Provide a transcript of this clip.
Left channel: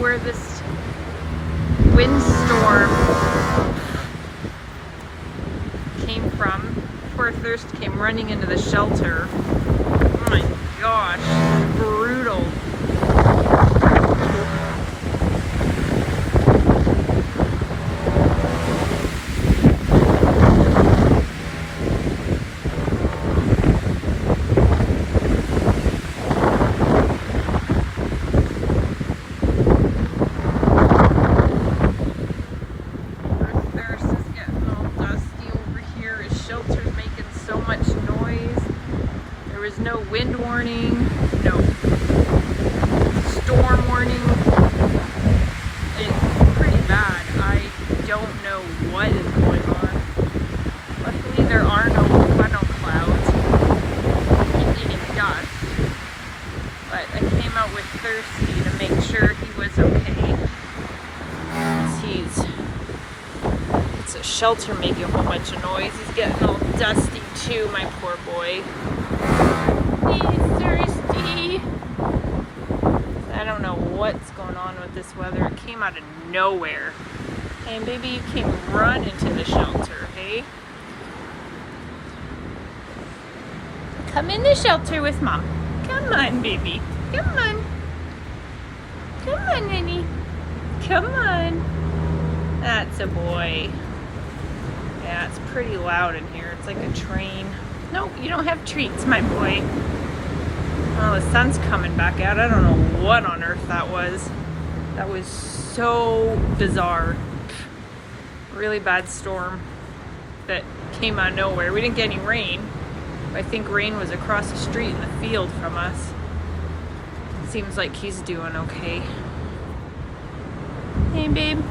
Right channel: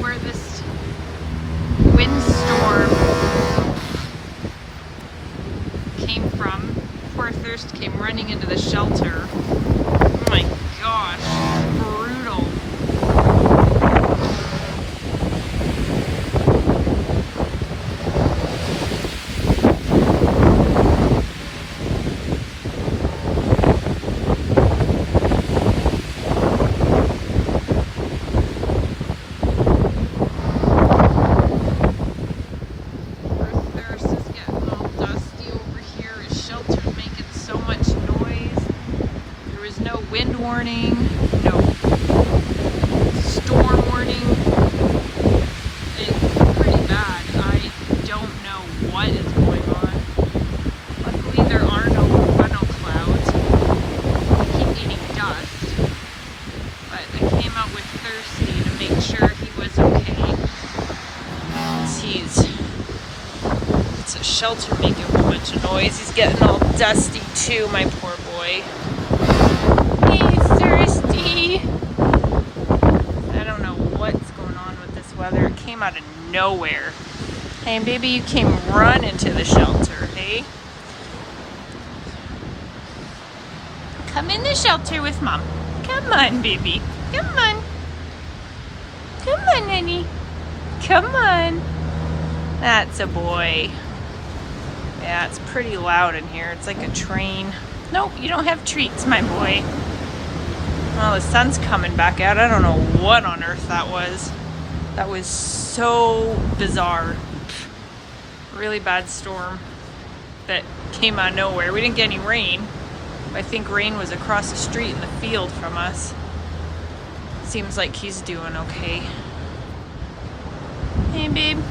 where this windstorm came from. Poor Thirst came running into the shelter. Oh my gosh, it's brutal. No wind warning, no storm warning. It's pretty bad. I don't know what is going on. Luckily there are no funnel clouds. I keep eating dust. But I came out with Thirsty to make sure he was okay. It's a shelter making a whole bunch of noise. He's getting all dusty too, my poor boy. Thirsty. I don't know what's going on with this weather. It came out of nowhere. Hey baby, you came running to the shelter, hey? Come in the shelter with mom. Come on, baby. Come on. Come on, honey. Come on. That's a boy. Yeah, it's pretty loud in here. It's like a train. Nope, you don't have treats, my boy. Well, the sun's coming back out. I don't know what on earth that was. That was so bizarre. Really bad storm that came out of nowhere. We didn't get any rain. I think rain was across the street in the field from us. Seems like he's doing okay. Hey, babe.